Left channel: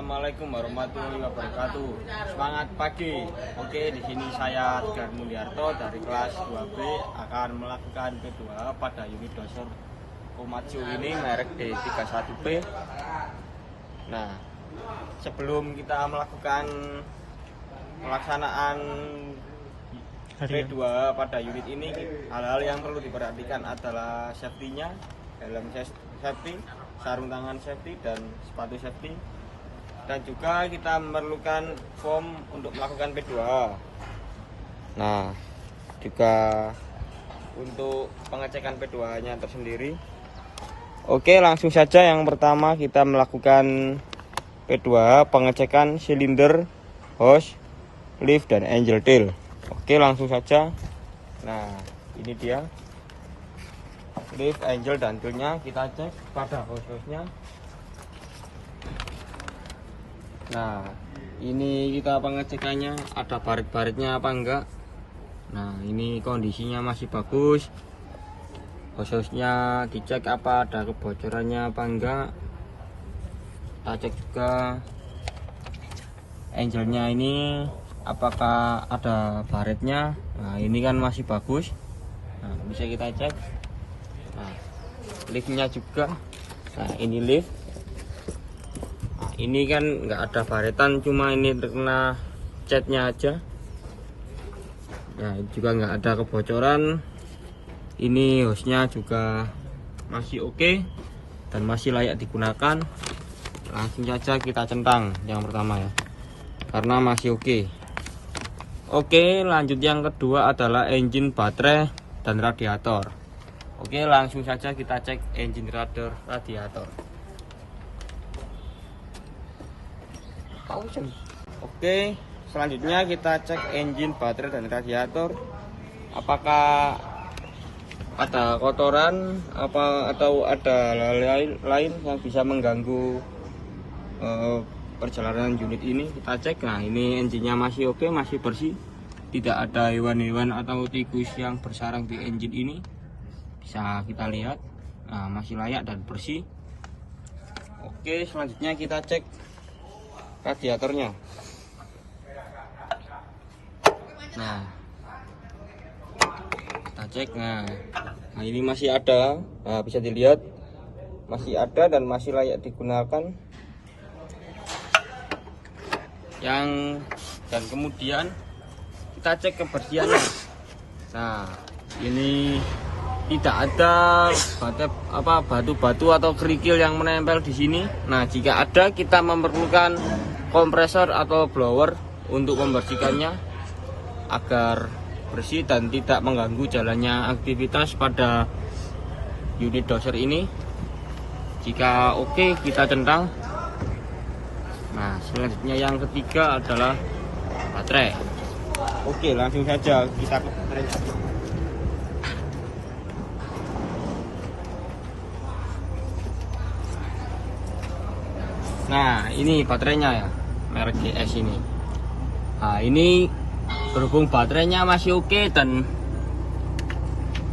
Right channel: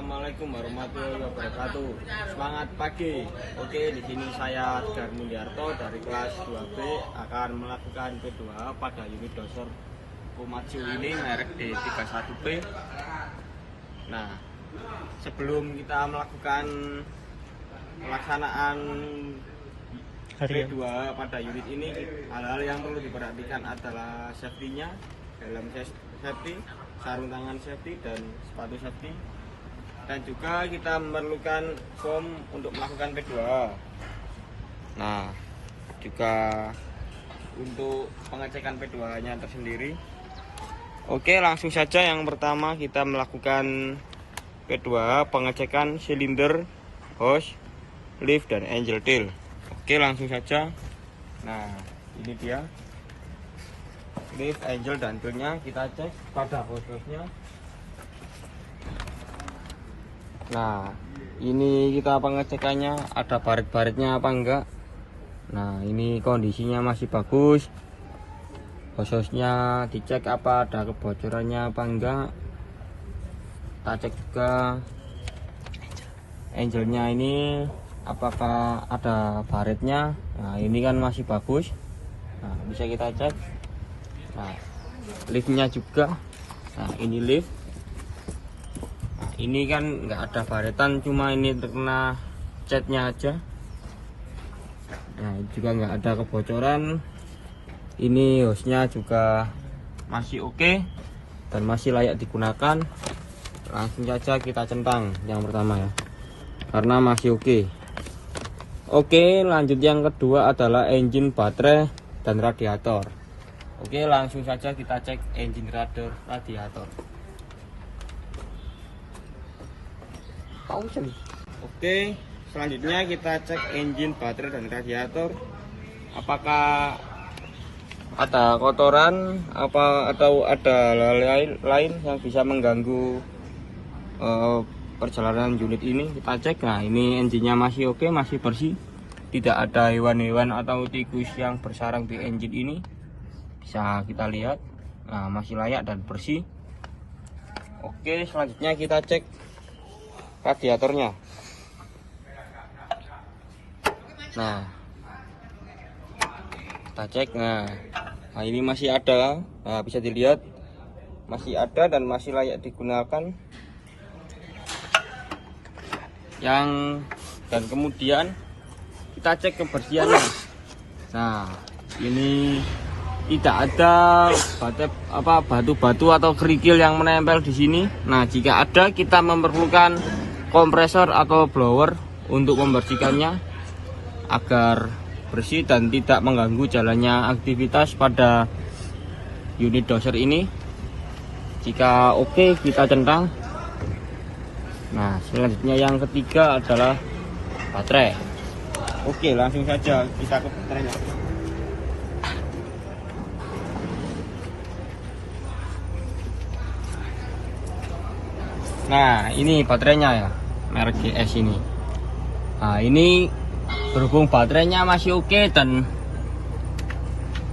Assalamualaikum warahmatullahi wabarakatuh. Semangat pagi. Oke, di sini saya Gar Muldiarto dari kelas 2B akan melakukan kedua pada unit dasar Komatsu ini merek D31B. Nah, sebelum kita melakukan pelaksanaan P2 pada unit ini, hal-hal yang perlu diperhatikan adalah safety-nya, helm safety, sarung tangan safety dan sepatu safety, dan juga kita memerlukan form untuk melakukan P2. Nah, juga untuk pengecekan P2 nya tersendiri. Oke, langsung saja. Yang pertama kita melakukan P2 pengecekan silinder, hose, lift dan angel tail. Oke, langsung saja. Nah, ini dia lift, angel dan tailnya. Kita cek pada hose-nya. Nah, ini kita pengecekannya ada baret-baretnya apa enggak. Nah, ini kondisinya masih bagus. Hose-nya dicek apa ada kebocorannya apa enggak. Kita cek ke angelnya ini apakah ada baretnya. Nah, ini kan masih bagus. Nah, bisa kita cek. Nah, liftnya juga. Nah, ini lift. Nah, ini kan nggak ada baretan, cuma ini terkena catnya aja. Nah, juga nggak ada kebocoran. Ini hose-nya juga masih oke dan masih layak digunakan. Langsung saja kita centang yang pertama ya, karena masih oke. Oke, lanjut yang kedua adalah engine, baterai dan radiator. Oke, langsung saja kita cek engine, radiator. Oke, selanjutnya kita cek engine, baterai dan radiator. Apakah ada kotoran atau ada hal lain yang bisa mengganggu perjalanan unit ini. Kita cek. Nah, ini engine-nya masih oke, masih bersih, tidak ada hewan-hewan atau tikus yang bersarang di engine ini. Bisa kita lihat. Nah, masih layak dan bersih. Oke, selanjutnya kita cek radiatornya. Nah, kita cek. Nah, ini masih ada. Nah, bisa dilihat masih ada dan masih layak digunakan. Dan kemudian kita cek kebersihannya. Nah, ini tidak ada batu-batu atau kerikil yang menempel di sini. Nah, jika ada, kita memerlukan kompresor atau blower untuk membersihkannya agar bersih dan tidak mengganggu jalannya aktivitas pada unit doser ini. Jika oke, kita centang. Nah, selanjutnya yang ketiga adalah baterai. Oke, langsung saja kita ke baterai. Nah, ini baterainya ya, merek GS ini. Nah, ini berhubung baterainya masih oke dan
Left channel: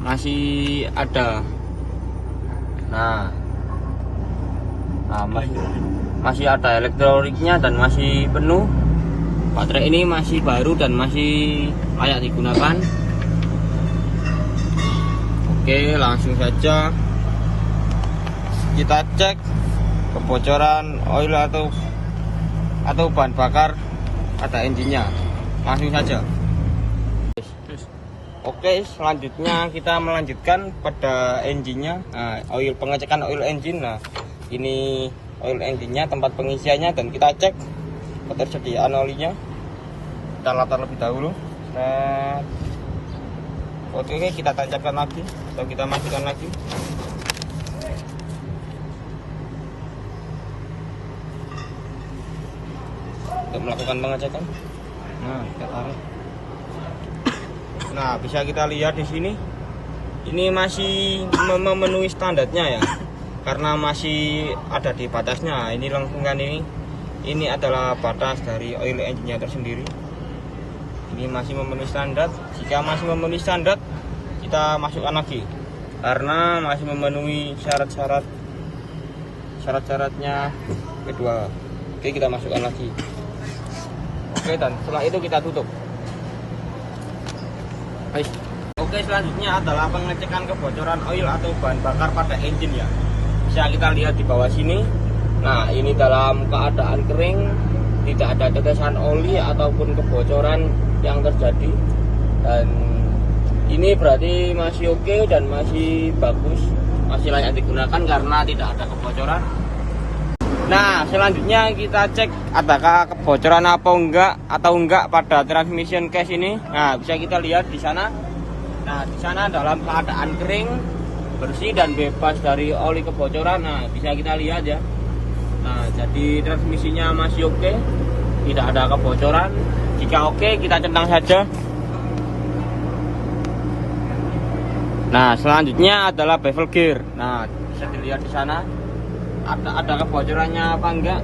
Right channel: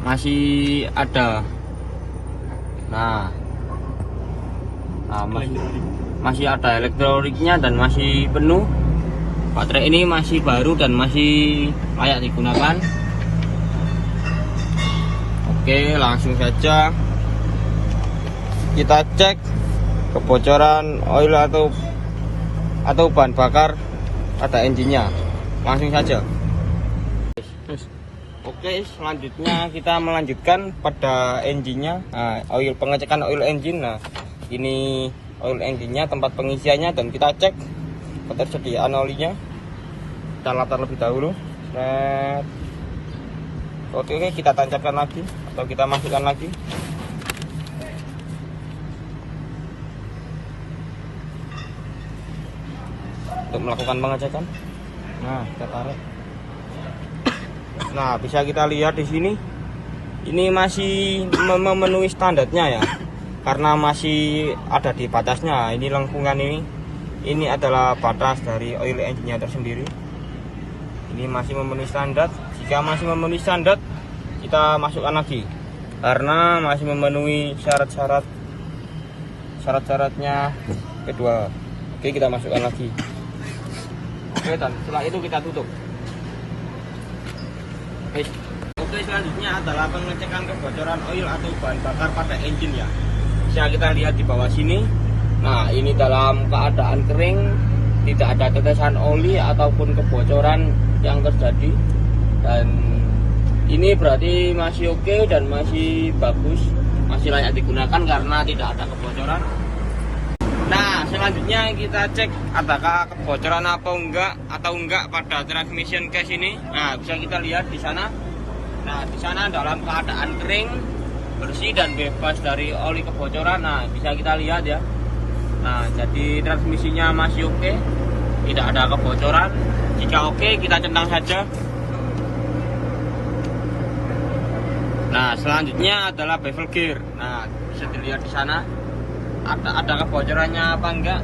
masih ada. Nah, masih ada elektroniknya dan masih penuh. Baterai ini masih baru dan masih layak digunakan. Oke, langsung saja kita cek kebocoran oil atau bahan bakar pada engine-nya. Langsung saja. Oke, selanjutnya kita melanjutkan pada engine-nya. Nah, pengecekan oil engine. Nah, ini oil engine-nya, tempat pengisiannya, dan kita cek ketersediaan olinya. Kita latar lebih dahulu. Oke, kita tancapkan lagi atau kita masukkan lagi. Untuk melakukan pengecekan. Nah, kita taruh. Nah, bisa kita lihat di sini. Ini masih memenuhi standarnya ya, karena masih ada di batasnya. Ini lengkungan ini adalah batas dari oil engine-nya tersendiri. Ini masih memenuhi standar. Jika masih memenuhi standar, kita masukkan lagi karena masih memenuhi syarat-syaratnya kedua. Oke, kita masukkan lagi. Oke, dan setelah itu kita tutup. Baik. Oke, selanjutnya adalah pengecekan kebocoran oil atau bahan bakar pada engine ya. Bisa kita lihat di bawah sini. Nah, ini dalam keadaan kering, tidak ada tetesan oli ataupun kebocoran yang terjadi. Dan ini berarti masih oke dan masih bagus, masih layak digunakan karena tidak ada kebocoran. Nah, selanjutnya kita cek adakah kebocoran atau enggak pada transmission case ini. Nah, bisa kita lihat di sana. Nah, di sana dalam keadaan kering, bersih dan bebas dari oli kebocoran. Nah, bisa kita lihat ya. Nah, jadi transmisinya masih oke, tidak ada kebocoran. Jika oke, kita centang saja. Nah, selanjutnya adalah bevel gear. Nah, bisa dilihat di sana. Ada kebocorannya apa enggak?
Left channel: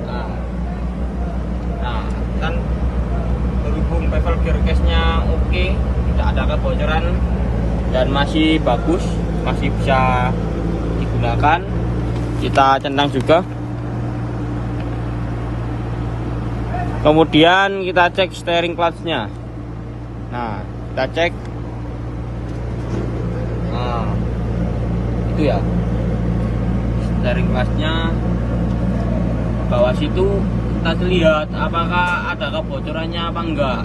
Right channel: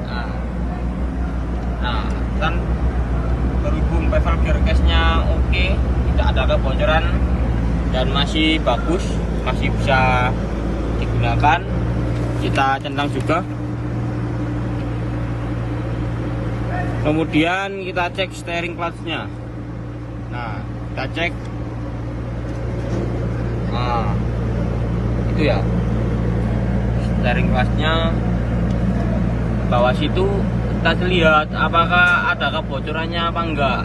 Nah, kan berhubung bevel gear case-nya oke, tidak ada kebocoran dan masih bagus, masih bisa digunakan. Kita centang juga. Kemudian kita cek steering clutch-nya. Nah, kita cek. Nah, itu ya. Steering clutch-nya bawah situ kita lihat apakah ada kebocorannya apa enggak.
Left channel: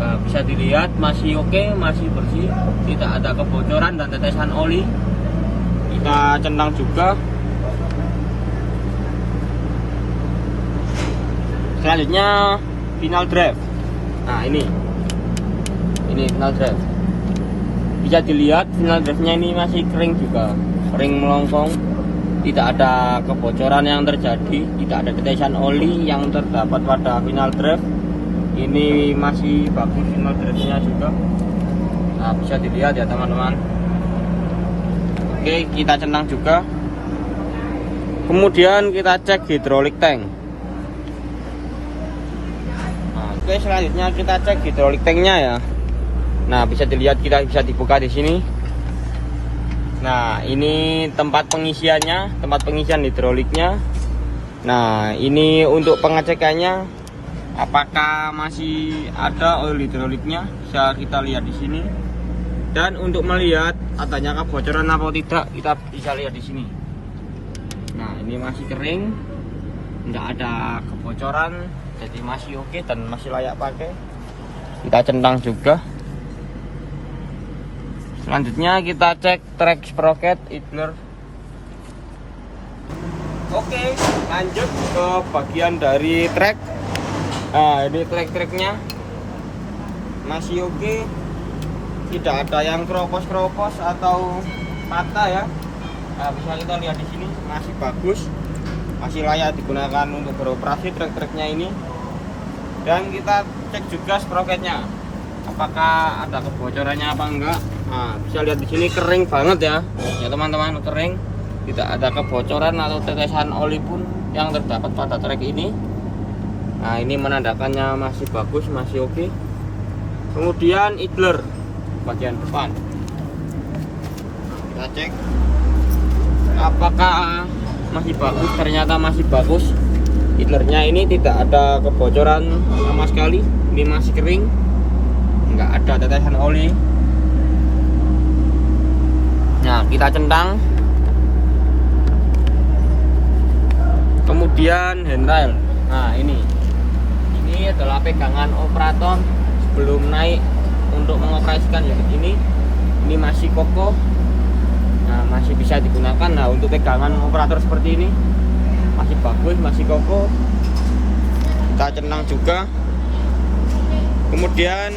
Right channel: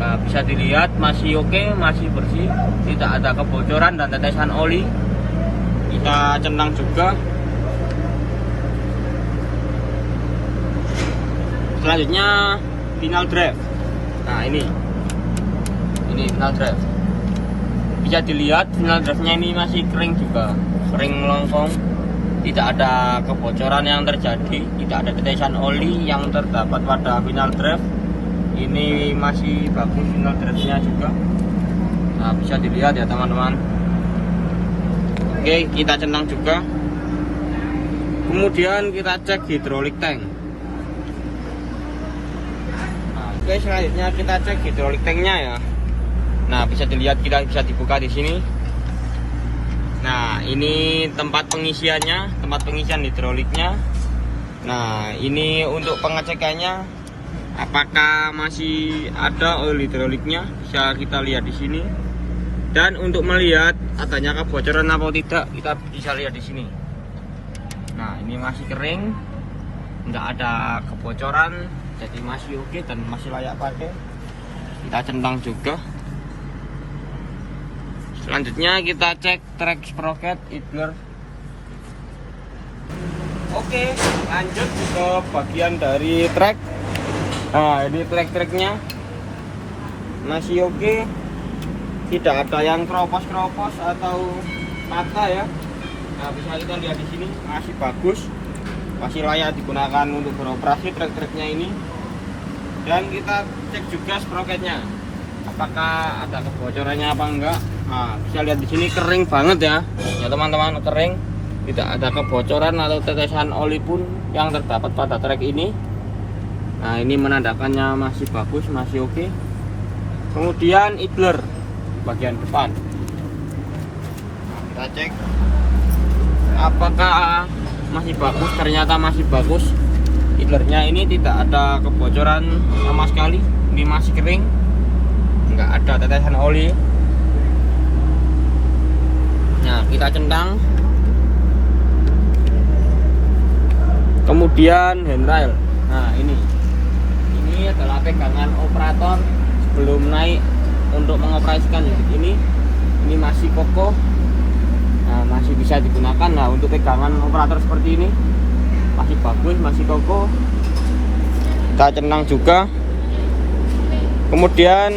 Nah, bisa dilihat masih oke, masih bersih, tidak ada kebocoran dan tetesan oli. Kita centang juga. Selanjutnya final drive. Nah, ini final drive. Bisa dilihat final drive-nya ini masih kering juga, kering melongkong, tidak ada kebocoran yang terjadi, tidak ada tetesan oli yang terdapat pada final drive. Ini masih bagus final drive-nya juga. Nah, bisa dilihat ya teman-teman. Oke, kita centang juga. Kemudian kita cek hydraulic tank. Oke, selanjutnya kita cek hydraulic tanknya ya. Nah, bisa dilihat, kita bisa dibuka di sini. Nah, ini tempat pengisiannya, tempat pengisian hidroliknya. Nah, ini untuk pengecekannya, apakah masih ada oil hidroliknya, bisa kita lihat di sini. Dan untuk melihat adanya kebocoran atau tidak, kita bisa lihat di sini. Nah, ini masih kering, nggak ada kebocoran, jadi masih oke dan masih layak pakai. Kita centang juga. Selanjutnya kita cek track sprocket idler. Oke, lanjut ke bagian dari track. Nah, ini track-tracknya masih oke, tidak ada yang keropos-keropos atau patah ya. Nah, bisa kita lihat di sini masih bagus, masih layak digunakan untuk beroperasi track-tracknya ini. Dan kita cek juga sprocketnya, apakah ada kebocorannya apa enggak. Nah, bisa lihat di sini kering banget ya, ya teman-teman, kering, tidak ada kebocoran atau tetesan oli pun yang terdapat pada trek ini. Nah, ini menandakannya masih bagus, masih oke. Kemudian idler bagian depan, kita cek apakah masih bagus. Ternyata masih bagus. Idlernya ini tidak ada kebocoran sama sekali, ini masih kering, tidak ada tetesan oli. Nah, kita centang. Kemudian handrail. Nah, ini adalah pegangan operator sebelum naik untuk mengoperasikan unit ini. Ini masih kokoh, nah, masih bisa digunakan. Nah, untuk pegangan operator seperti ini masih bagus, masih kokoh. Kita centang juga. Kemudian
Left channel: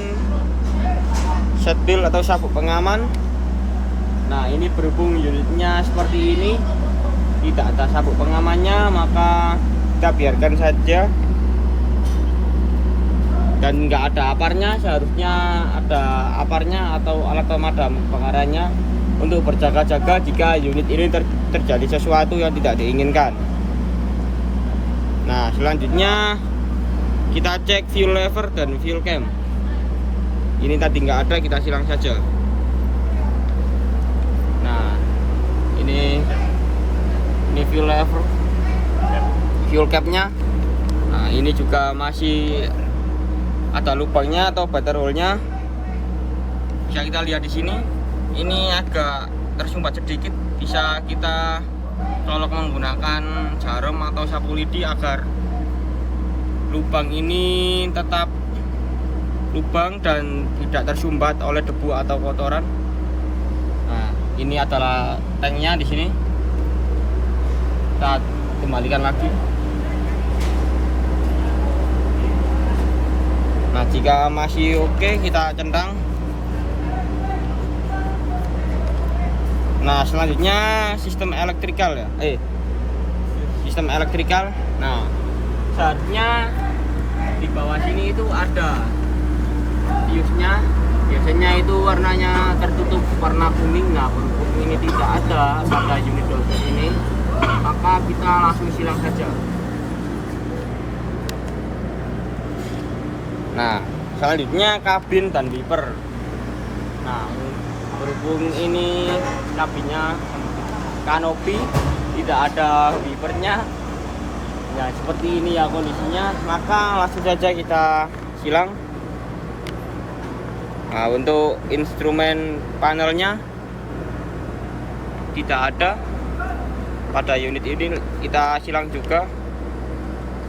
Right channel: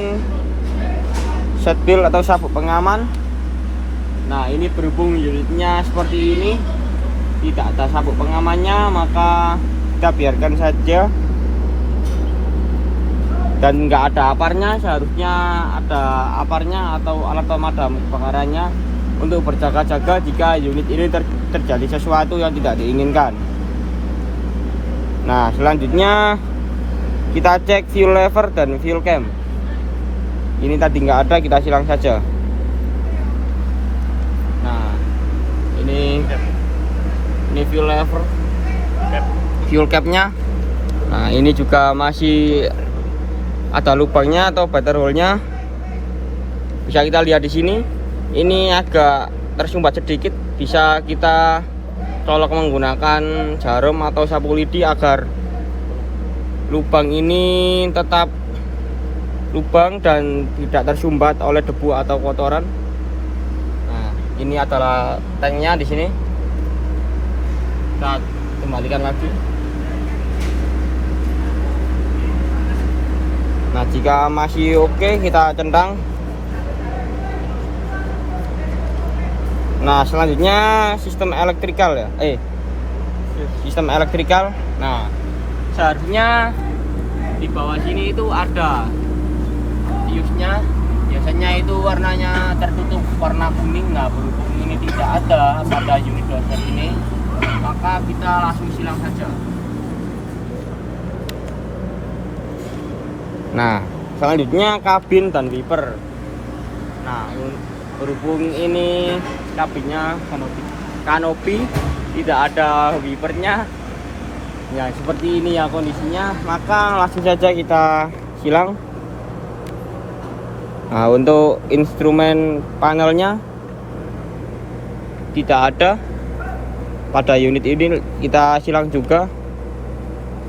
seatbelt atau sabuk pengaman. Nah, ini berhubung unitnya seperti ini, tidak ada sabuk pengamannya, maka kita biarkan saja. Dan nggak ada aparnya, seharusnya ada aparnya atau alat pemadam kebakarannya untuk berjaga-jaga jika unit ini terjadi sesuatu yang tidak diinginkan. Nah, selanjutnya kita cek fuel lever dan fuel cam. Ini tadi nggak ada, kita silang saja. Nah, ini fuel lever fuel capnya. Nah ini juga masih ada lubangnya atau battery hole-nya. Bisa kita lihat di sini. Ini agak tersumbat sedikit, bisa kita colok menggunakan jarum atau sapu lidi agar lubang ini tetap lubang dan tidak tersumbat oleh debu atau kotoran. Nah, ini adalah tanknya di sini. Kita kembalikan lagi. Nah, jika masih oke, kita centang. Nah, selanjutnya sistem elektrikal ya. Sistem elektrikal. Nah, seharusnya di bawah sini itu ada fuse-nya. Biasanya itu warnanya tertutup warna kuning. Nah, berhubung ini tidak ada pada unit doser ini, maka kita langsung silang saja. Nah, selanjutnya kabin dan wiper. Nah, berhubung ini kabinnya kanopi, tidak ada wipernya. Nah, seperti ini ya kondisinya, maka langsung saja kita silang. Nah, untuk instrumen panelnya tidak ada pada unit ini, kita silang juga.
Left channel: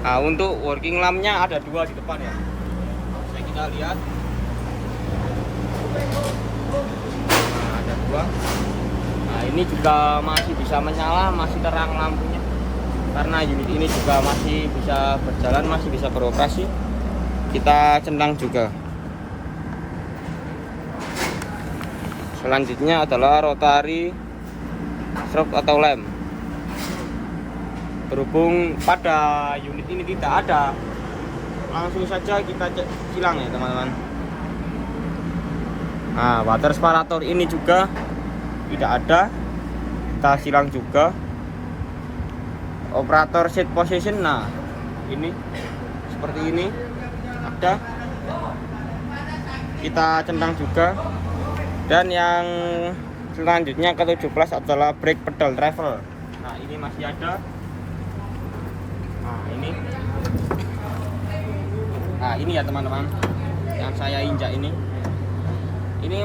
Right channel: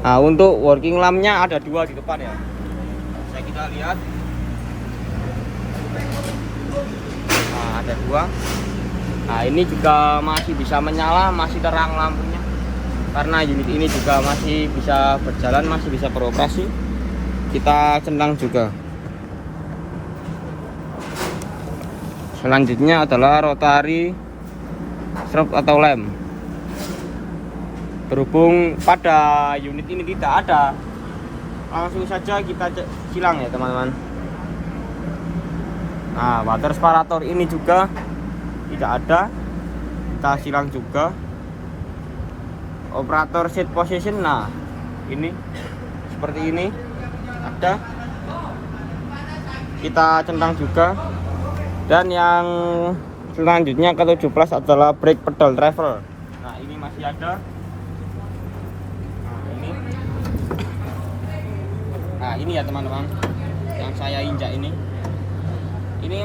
Nah, untuk working lampnya ada dua di depan ya. Bisa kita lihat. Nah, ada dua. Nah, ini juga masih bisa menyala, masih terang lampunya. Karena unit ini juga masih bisa berjalan, masih bisa beroperasi. Kita centang juga. Selanjutnya adalah rotary strobe atau lem. Berhubung pada unit ini tidak ada, langsung saja kita silang ya teman-teman. Nah, water separator ini juga tidak ada, kita silang juga. Operator seat position, nah ini seperti ini ada, kita centang juga. Dan yang selanjutnya ke-17 adalah brake pedal travel. Nah ini masih ada. Nah ini ya teman-teman, yang saya injak ini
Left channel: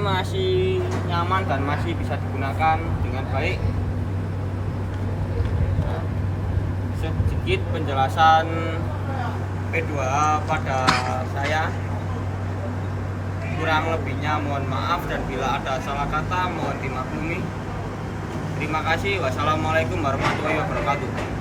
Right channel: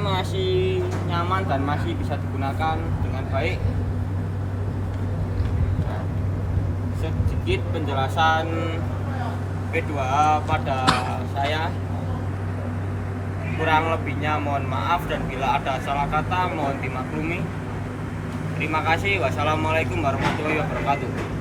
masih nyaman dan masih bisa digunakan dengan baik. Nah, sedikit penjelasan P2A pada saya, kurang lebihnya mohon maaf, dan bila ada salah kata mohon dimaklumi. Terima kasih. Wassalamualaikum warahmatullahi wabarakatuh.